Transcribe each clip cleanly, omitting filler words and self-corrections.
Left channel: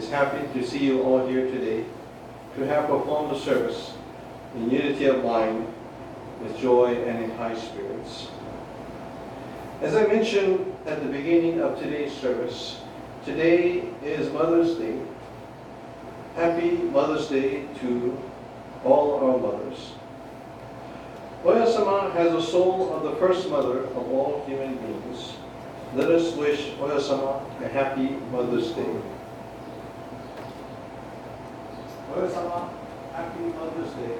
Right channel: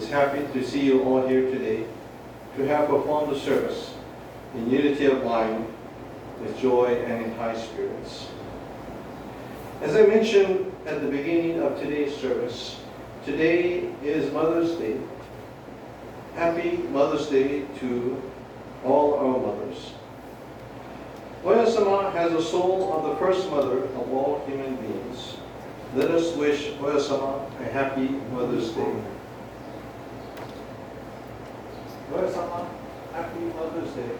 is happy to see you all here today to have performed the service in unity of mind, with joy and in high spirits. As I mentioned at the beginning of today's service, today is Mother's Day. Happy Mother's Day to all our mothers. Oya-sama has the soul of the first mother of all human beings. Let us wish Oya-sama a happy Mother's Day. Oya-sama, happy Mother's Day.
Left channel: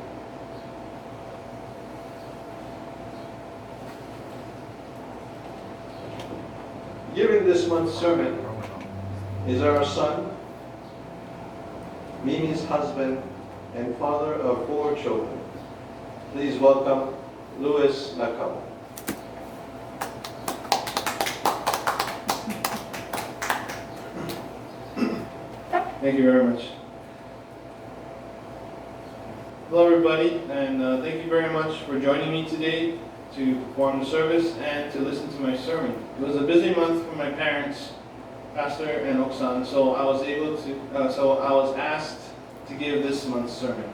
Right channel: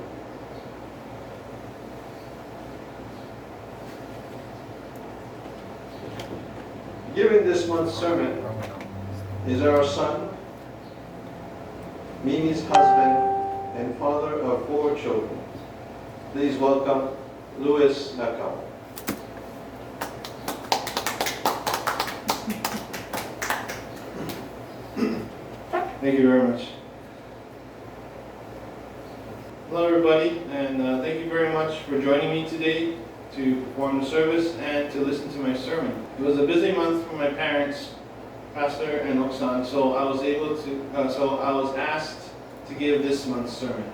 Giving this month's sermon is our son, Mimi's husband, and father of 4 children. Please welcome Louis Nakao. Thank you very much. Hello everybody, and thank you very much for joining me today to perform the service and to listen to my sermon. It was a busy month for my parents, Pastor and Oksan, so I was asked to give this month's sermon.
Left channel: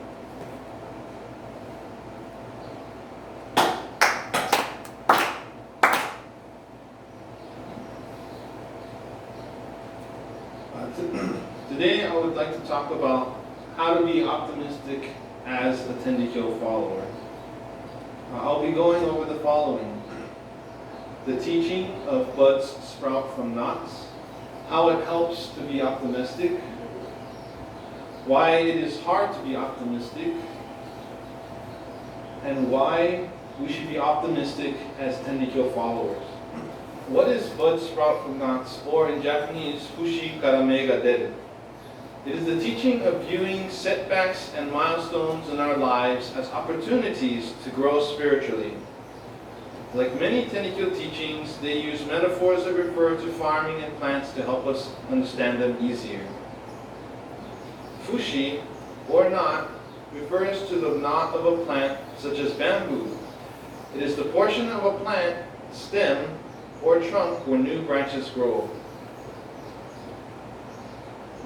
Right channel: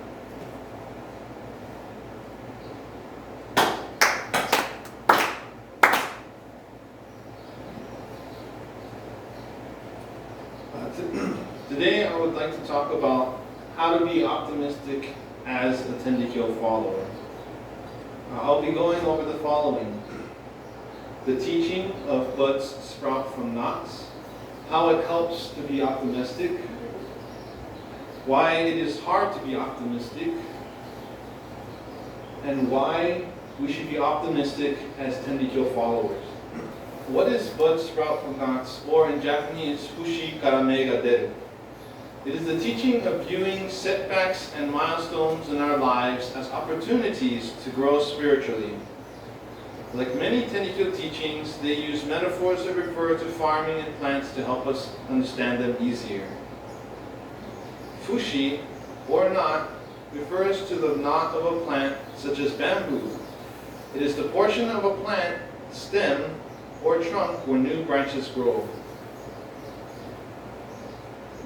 Today I would like to talk about how to be optimistic as a Tenrikyo follower. I'll be going over the following: the teaching of buds sprout from knots, how it helps to be optimistic, why it is hard to be optimistic, and why we should be optimistic as Tenrikyo followers. What is bud sprout from knots, or in Japanese, fushi karame ga deru? It is the teaching of viewing setbacks and milestones in our lives as opportunities to grow spiritually. Like many Tenrikyo teachings, they use metaphors that refer to farming and plants to help us understand them easier. Fushi, or knot, refers to the knot of a plant such as bamboo. It is the portion of a plant, stem, or trunk where new branches grow.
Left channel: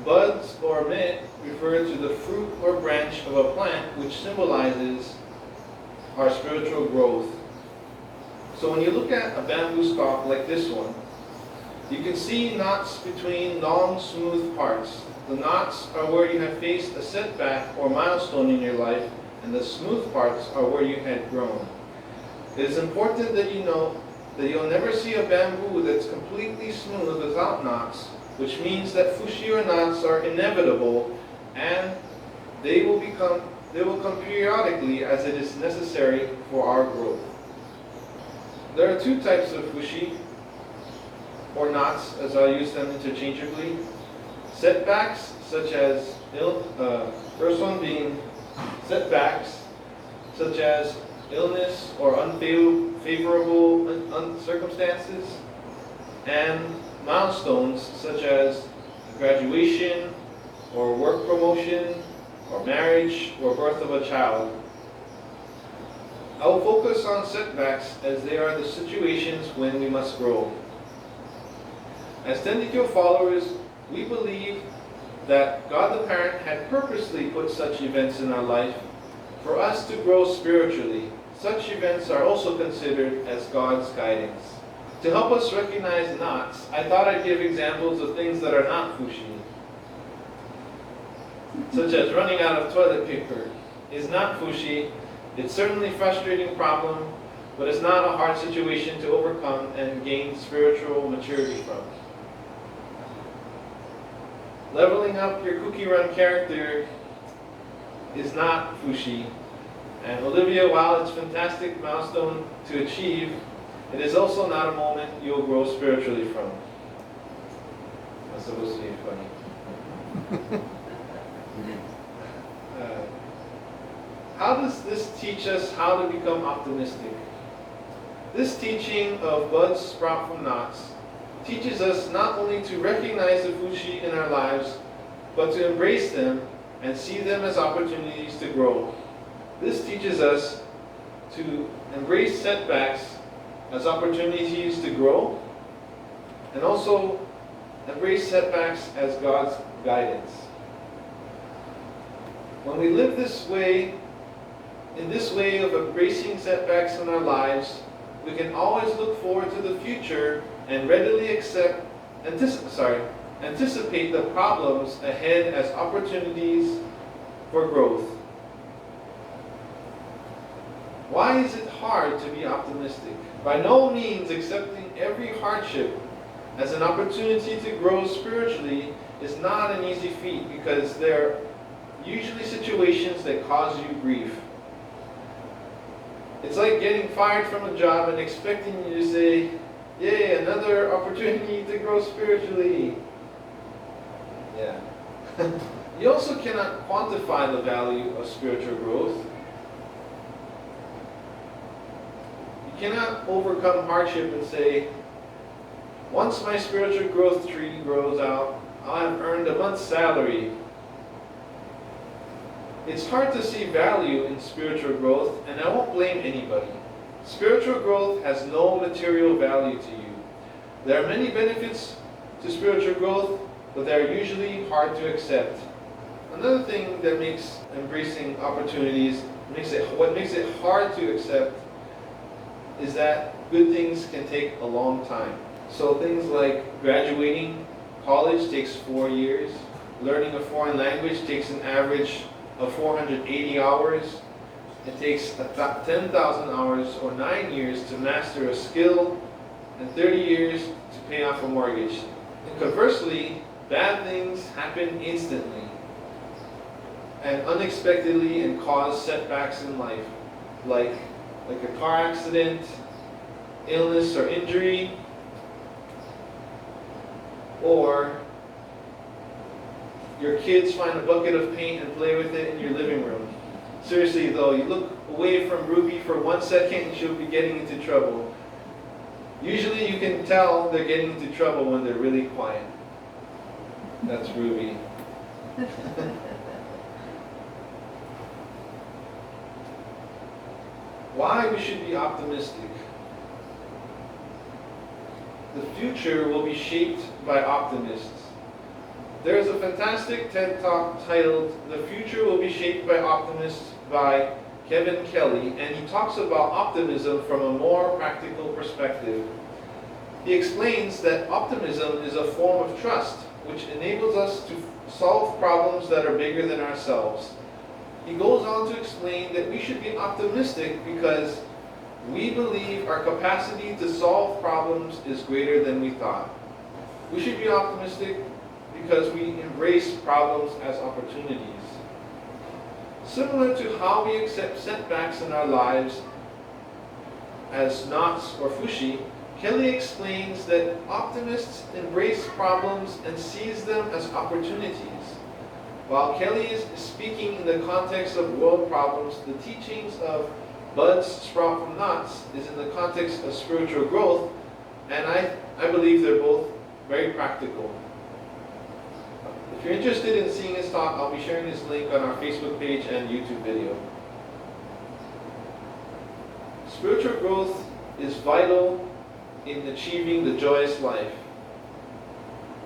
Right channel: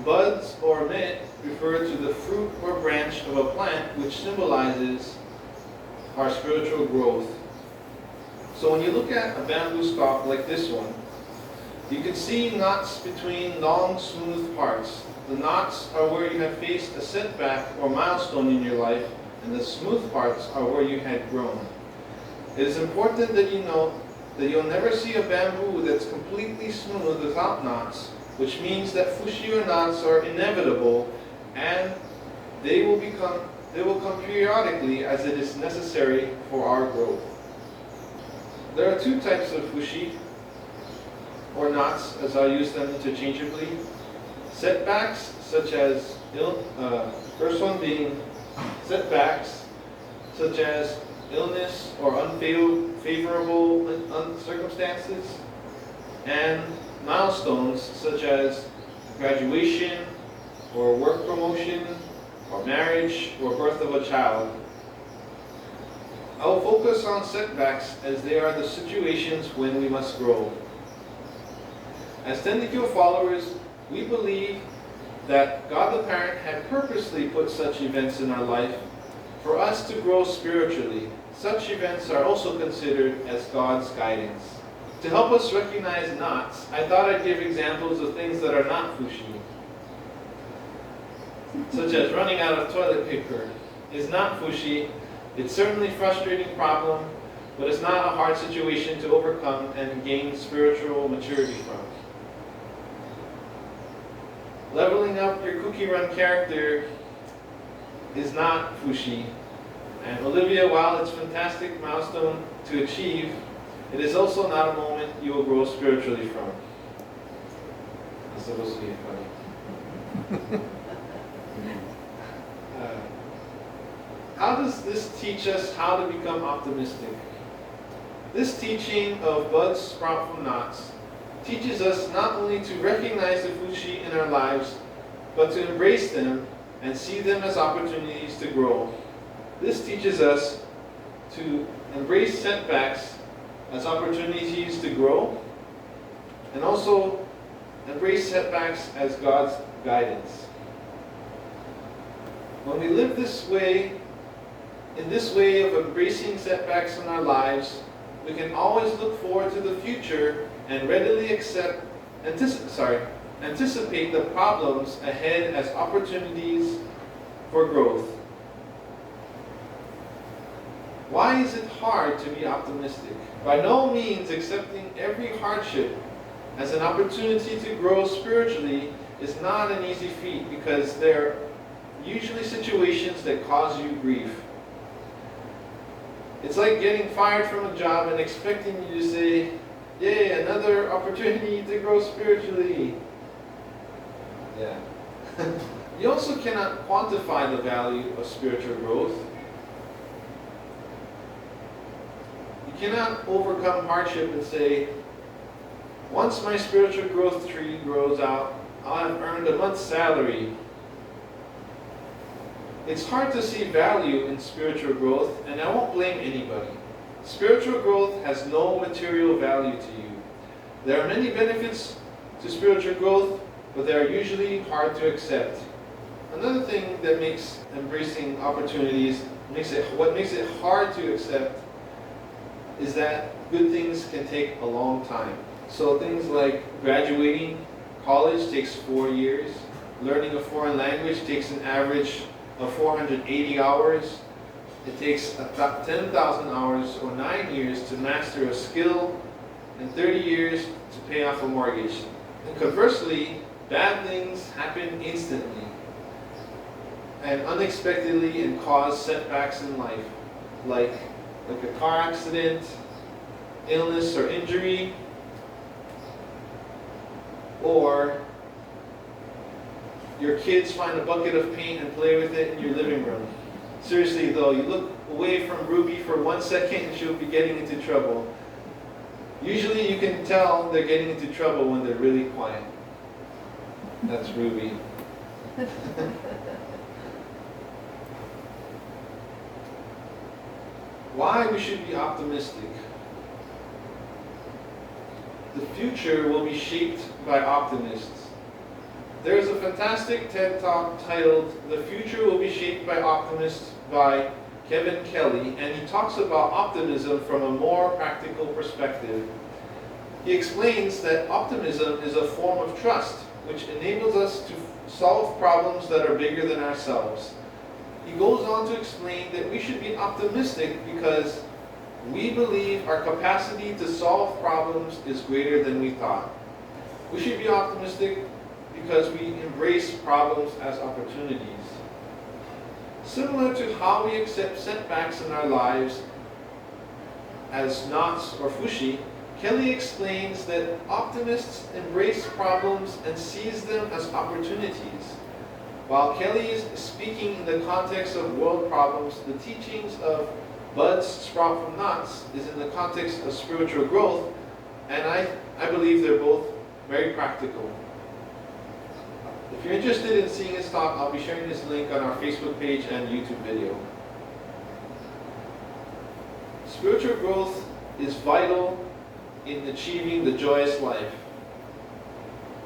Buds or mit refer to the fruit or branch of a plant, which symbolizes our spiritual growth. So when you look at a bamboo stalk like this one, you can see knots between long, smooth parts. The knots are where you have faced a setback or milestone in your life, and the smooth parts are where you had grown. It is important that you know that you'll never see a bamboo that's completely smooth without knots, which means that fushi or knots are inevitable, and they will come periodically as it is necessary for our growth. There are 2 types of fushi, or knots, as I use them interchangeably. Setbacks, such as, first one being setbacks, such as illness or unfavorable circumstances, and milestones such as graduation or work promotion or marriage or birth of a child. I will focus on setbacks as they are the situations when we must grow. As Tenrikyo followers, we believe that God the Parent had purposely put such events in our life for us to grow spiritually. Such events are also considered as God's guidance. To help us recognize knots, I thought I'd give examples of things that are not fushi, such as running out of toilet paper is not fushi. It's certainly a frustrating problem, but it's not a hard situation to overcome and gain spiritual maturity from. Leveling up your cookie run character is not fushi. And Olivia, while it's a fantastic milestone to achieve, it is also not a moment you will grow spiritually from. That's supposed to be funny. How does this teach us how to become optimistic? This teaching of buds sprout from knots teaches us not only to recognize the fushi in our lives, but to embrace them and see them as opportunities to grow. This teaches us to embrace setbacks as opportunities to grow, and also embrace setbacks as God's guidance. When we live this way, in this way of embracing setbacks in our lives, we can always look forward to the future and readily anticipate the problems ahead as opportunities for growth. Why is it hard to be optimistic? By no means accepting every hardship as an opportunity to grow spiritually is not an easy feat, because there are usually situations that cause you grief. It's like getting fired from a job and expecting you to say, "Yay, another opportunity to grow spiritually." Yeah. You also cannot quantify the value of spiritual growth. You cannot overcome hardship and say, "Once my spiritual growth tree grows out, I'll have earned a month's salary." It's hard to see value in spiritual growth, and I won't blame anybody. Spiritual growth has no material value to you. There are many benefits to spiritual growth, but they are usually hard to accept. Another thing that makes embracing opportunities, what makes it hard to accept, is that good things can take a long time. So things like graduating college takes 4 years. Learning a foreign language takes an average of 480 hours. It takes 10,000 hours or 9 years to master a skill, and 30 years to pay off a mortgage. And conversely, bad things happen instantly and unexpectedly and cause setbacks in life, like a car accident, illness or injury, or your kids find a bucket of paint and play with it in your living room. Seriously though, you look away from Ruby for 1 second and she'll be getting into trouble. Usually you can tell they're getting into trouble when they're really quiet. That's Ruby. Why we should be optimistic? The future will be shaped by optimists. There is a fantastic TED Talk titled "The Future Will Be Shaped by Optimists" by Kevin Kelly, and he talks about optimism from a more practical perspective. He explains that optimism is a form of trust, which enables us to solve problems that are bigger than ourselves. He goes on to explain that we should be optimistic because we believe our capacity to solve problems is greater than we thought. We should be optimistic because we embrace problems as opportunities. Similar to how we accept setbacks in our lives as knots or fushi, Kelly explains that optimists embrace problems and seize them as opportunities. While Kelly is speaking in the context of world problems, the teachings of buds sprout from knots is in the context of spiritual growth, and I believe they're both very practical. If you're interested in seeing his talk, I'll be sharing this link on our Facebook page and YouTube video. Spiritual growth is vital in achieving the joyous life.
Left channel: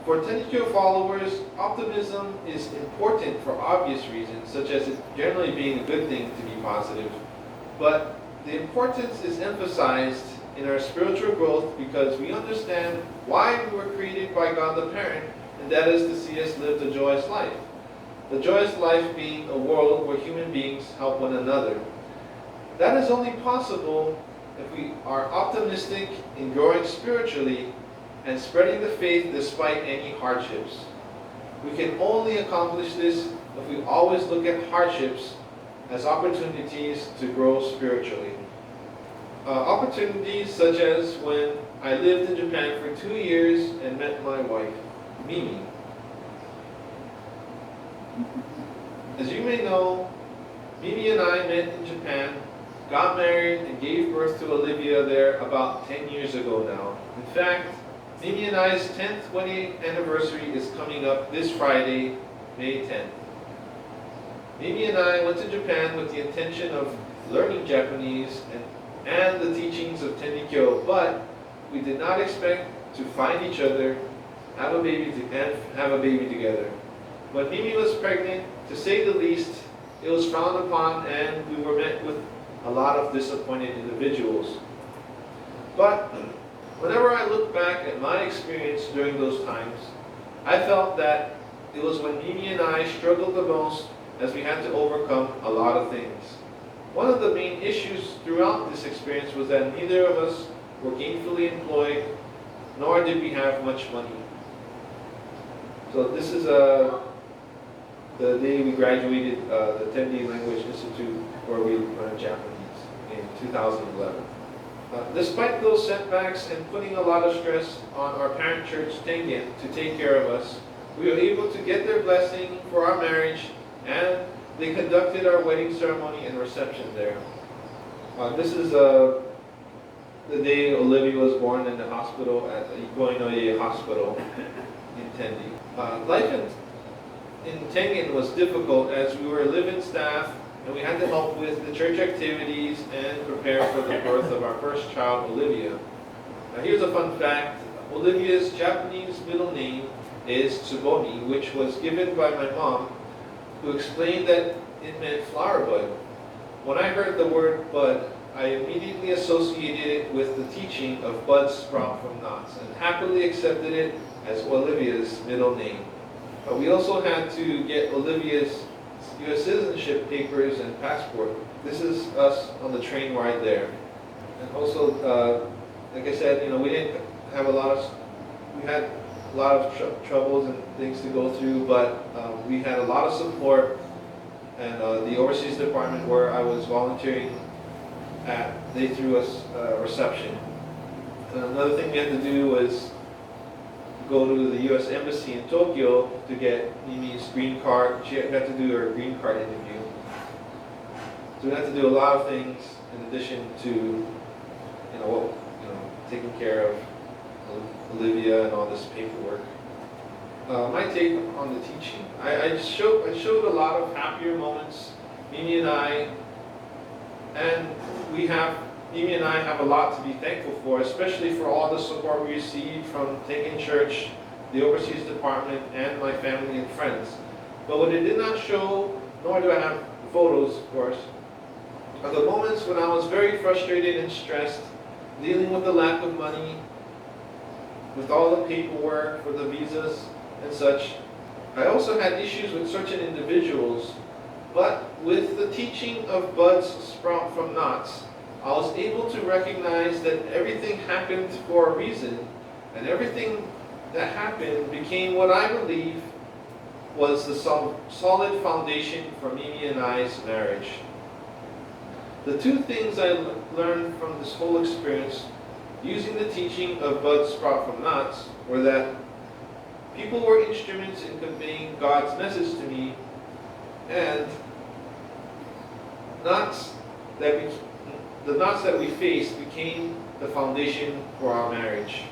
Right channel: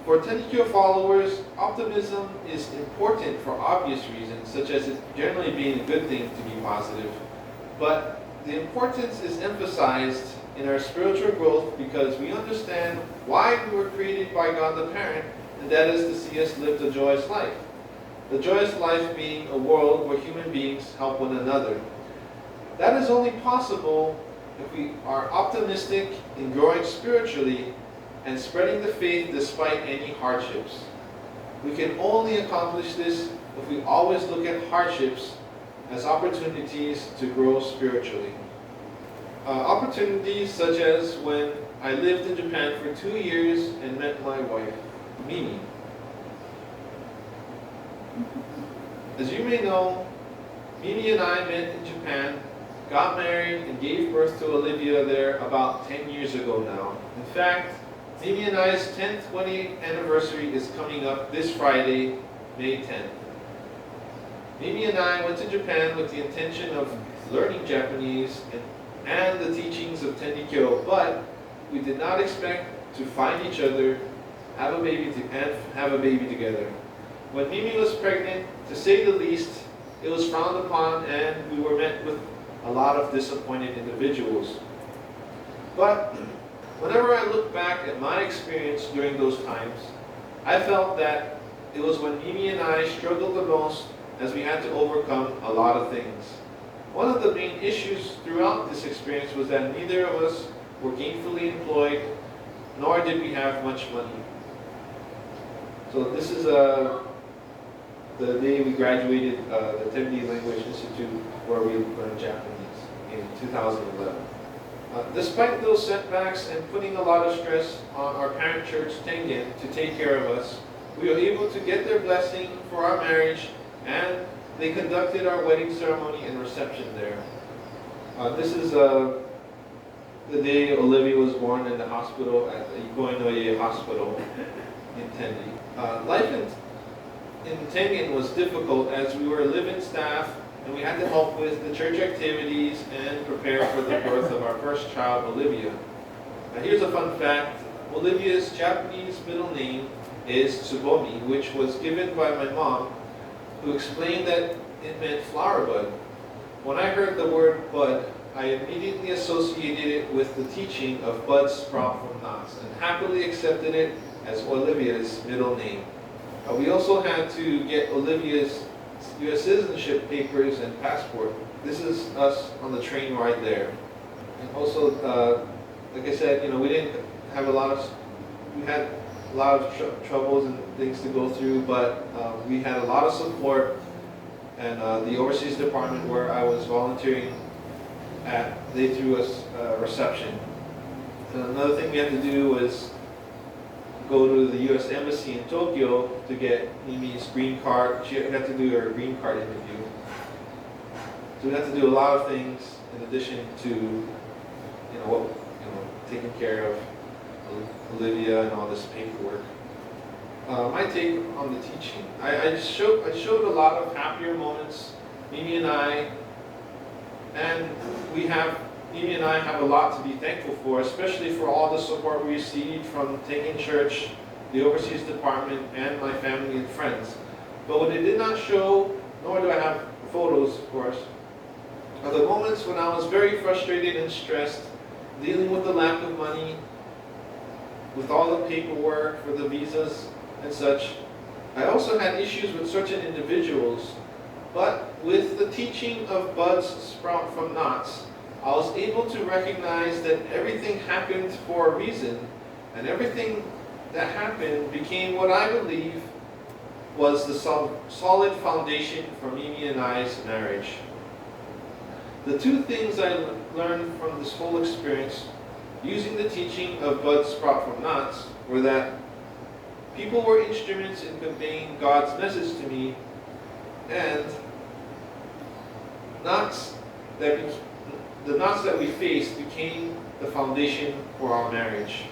For Tenrikyo followers, optimism is important for obvious reasons, such as it generally being a good thing to be positive. But the importance is emphasized in our spiritual growth because we understand why we were created by God the Parent, and that is to see us live the joyous life. The joyous life being a world where human beings help one another. That is only possible if we are optimistic in growing spiritually and spreading the faith despite any hardships. We can only accomplish this if we always look at hardships as opportunities to grow spiritually. Opportunities such as when I lived in Japan for 2 years and met my wife, Mimi. As you may know, Mimi and I met in Japan, got married, and gave birth to Olivia there about 10 years ago now. In fact, Mimi and I's 10th wedding anniversary is coming up this Friday, May 10th. Mimi and I went to Japan with the intention of learning Japanese and the teachings of Tenrikyo, but we did not expect to find each other, have a baby together. When Mimi was pregnant, to say the least, it was frowned upon and we were met with a lot of disappointed individuals. But whenever I look back at my experience during those times, I felt that it was when Mimi and I struggled the most, as we had to overcome a lot of things. One of the main issues throughout this experience was that neither of us were gainfully employed, nor did we have much money. So this is the day we graduated the Tenrikyo Language Institute, where we learned Japanese in 2011. Despite those setbacks and putting a lot of stress on our parent church, Tengen, to take care of us, we were able to get their blessing for our marriage, and they conducted our wedding ceremony and reception there. This is the day Olivia was born in the hospital at the Ikoinoye Hospital in Tenri. Life in Tengen was difficult as we were live-in staff and we had to help with the church activities and prepare for the birth of our first child, Olivia. Now here's a fun fact. Olivia's Japanese middle name is Tsubomi, which was given by my mom, who explained that it meant flower bud. When I heard the word bud, I immediately associated it with the teaching of buds sprout from knots and happily accepted it as Olivia's middle name. We also had to get Olivia's U.S. citizenship papers and passport. This is us on the train ride there. And also, like I said, we didn't have we had a lot of troubles and things to go through, but we had a lot of support. And the overseas department where I was volunteering at, they threw us a reception. And another thing we had to do was go to the U.S. Embassy in Tokyo to get Mimi's green card. She had to do her green card interview. So we had to do a lot of things in addition to, taking care of Olivia and all this paperwork. My take on the teaching. I showed a lot of happier moments. Mimi and I have a lot to be thankful for, especially for all the support we received from Tengen Church, the overseas department, and my family and friends. But what it did not show, nor do I have photos, of course, are the moments when I was very frustrated and stressed, dealing with the lack of money, with all the paperwork for the visas and such. I also had issues with certain individuals, but with the teaching of buds sprout from knots, I was able to recognize that everything happened for a reason, and everything that happened became what I believe was the solid foundation for Mimi and I's marriage. The two things I learned from this whole experience, using the teaching of buds sprout from knots, were that people were instruments in conveying God's message to me, and the knots that we faced became the foundation for our marriage.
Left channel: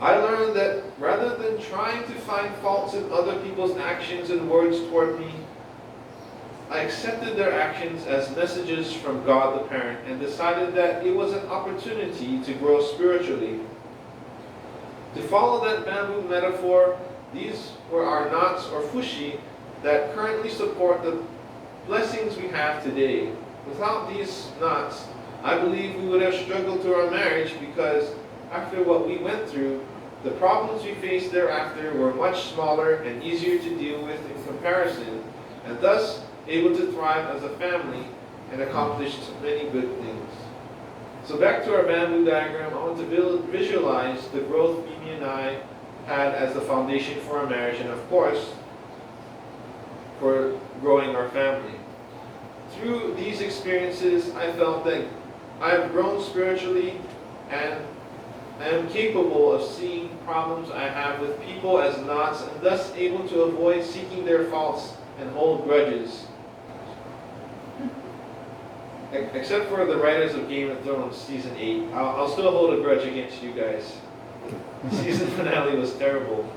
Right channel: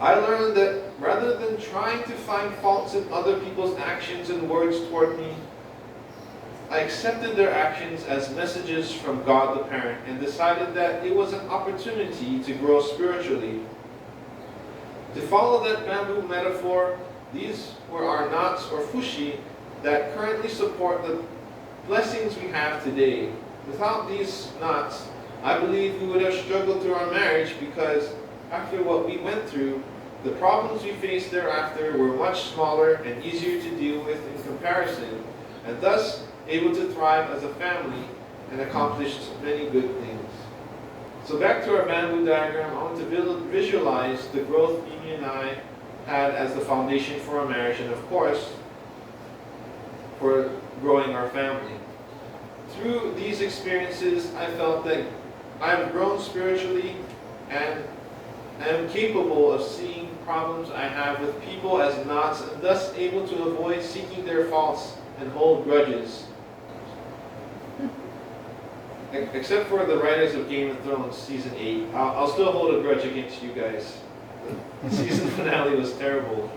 I learned that rather than trying to find faults in other people's actions and words toward me, I accepted their actions as messages from God the Parent and decided that it was an opportunity to grow spiritually. To follow that bamboo metaphor, these were our knots or fushi that currently support the blessings we have today. Without these knots, I believe we would have struggled through our marriage because after what we went through, the problems we faced thereafter were much smaller and easier to deal with in comparison, and thus able to thrive as a family and accomplish many good things. So back to our bamboo diagram, I want to visualize the growth Mimi and I had as the foundation for our marriage and of course, for growing our family. Through these experiences, I felt that I have grown spiritually and I am capable of seeing problems I have with people as knots and thus able to avoid seeking their faults and hold grudges. Except for the writers of Game of Thrones Season 8, I'll still hold a grudge against you guys. The season finale was terrible.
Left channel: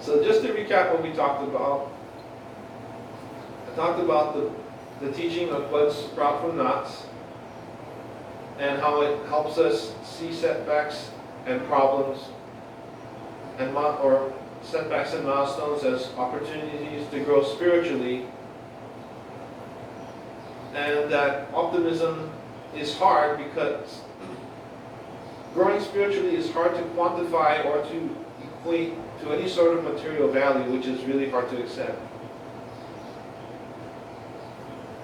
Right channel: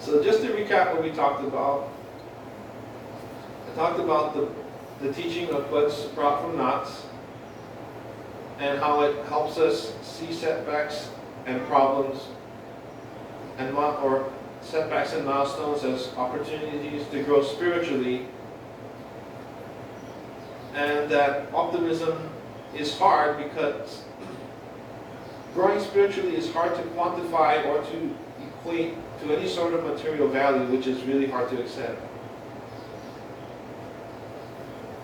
So just to recap what we talked about, I talked about the teaching of buds sprout from knots. and how it helps us see setbacks and problems and or setbacks and milestones as opportunities to grow spiritually, and that optimism is hard because growing spiritually is hard to quantify or to equate to any sort of material value, which is really hard to accept.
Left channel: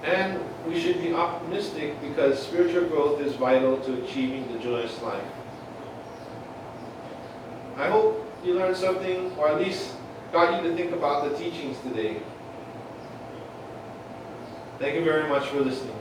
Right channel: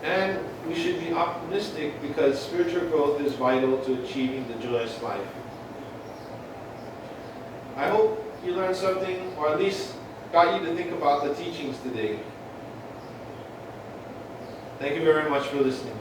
And we should be optimistic because spiritual growth is vital to achieving the joyous life. I hope you learned something, or at least got you to think about the teachings today. Thank you very much for listening.